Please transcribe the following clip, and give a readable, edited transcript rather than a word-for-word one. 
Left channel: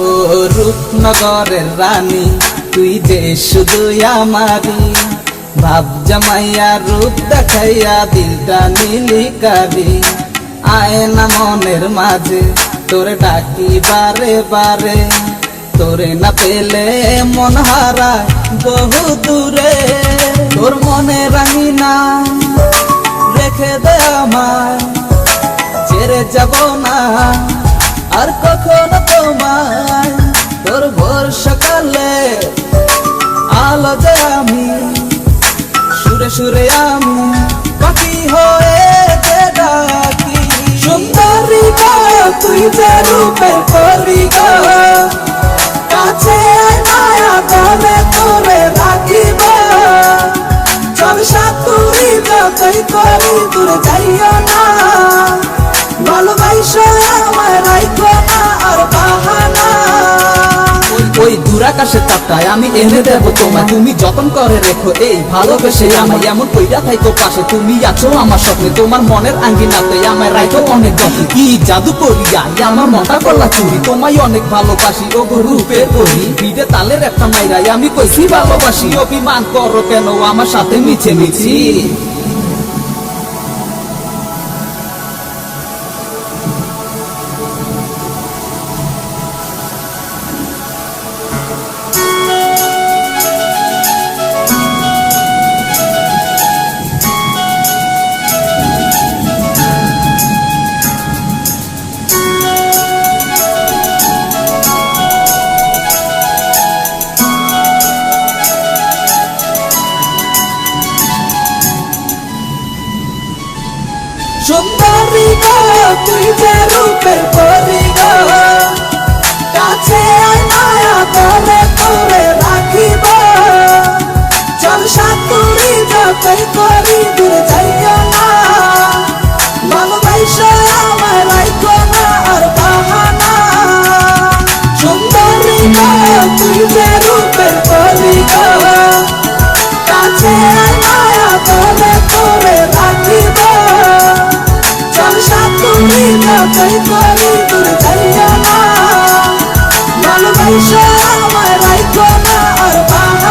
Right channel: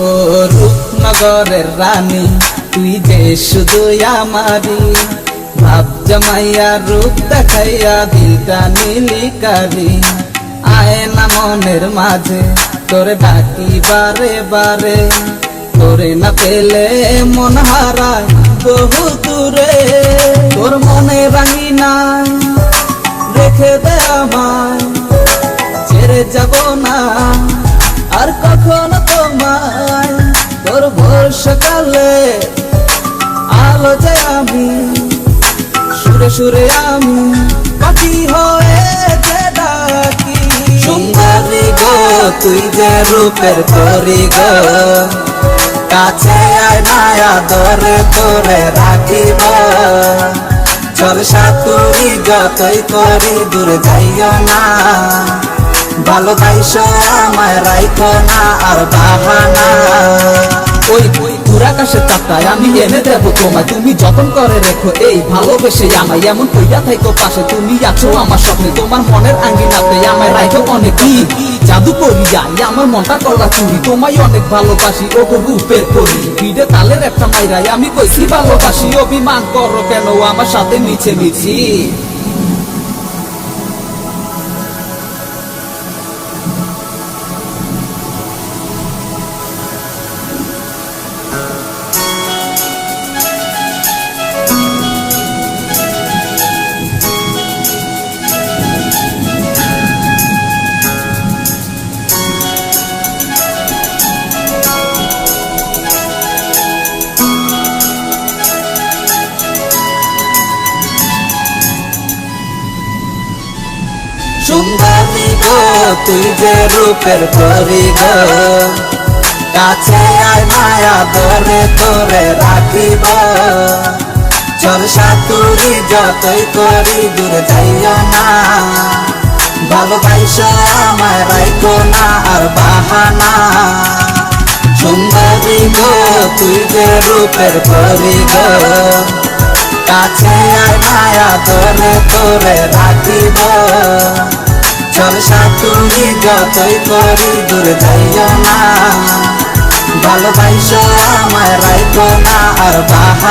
ও রূপনগরের রানী তুই যে শুধু আমারি ভাব জমাইয়া রূপ দেখাইয়া দিলটা নীলিকারি আয় না মনের মাঝে তোরে ডাকি বারে বারে তোরে না পেলে মন হারায় বহু দূরে তোর মনে রাঙিনা রেখে দে আমায় ছেড়ে যাব না আর কখনো তোমায় তোর ভোর সকালে আলো যে আমি সুরে সুরে আমি পাখি হয়ে যে ডাকি সুন্দরী গো তুই যে রূপের করি গো কাছে আয় মায়া দলে তোরে রাখিব চল সাথী যতই করি দূরে যাইও না ভালোবাসো আমায় রাইখো না আর বাহানা ওই ওই দূরাকাশের তাপটায় আমি এনে দেব তোমায় তুমি যতন করে রেখো এই ভালোবেসে আমায় এমন কইরা থাইকো পাশে তুমি আছো আমার স্বপ্নে তোমার মনের আঙ্গিনাতে আমায় রাইখো অনেক কি জাদু করিয়া আমার মনটা করলা চুরি তোমায় অনেক ভালোবাসি ও রূপের পরি ভিড়ে তালের একটা মাইরাই আমি কইছি ভালোবাসি অভিমান করো কেন আমার সাথে মিছে মিছি সুন্দরী গো তুই যে রূপের পরি গো কাছে আয় মায়া দলে তোরে রাখিব চল সাথী যতই করি দূরে যাইও না ভালোবাসো আমায় রাইখো না আর বাহানা সুন্দরী গো তুই যে রূপের পরি গো কাছে আয় মায়া দলে তোরে রাখিব চল সাথী যতই করি দূরে যাইও না ভালোবাসো আমায় রাইখো না আর বাহানা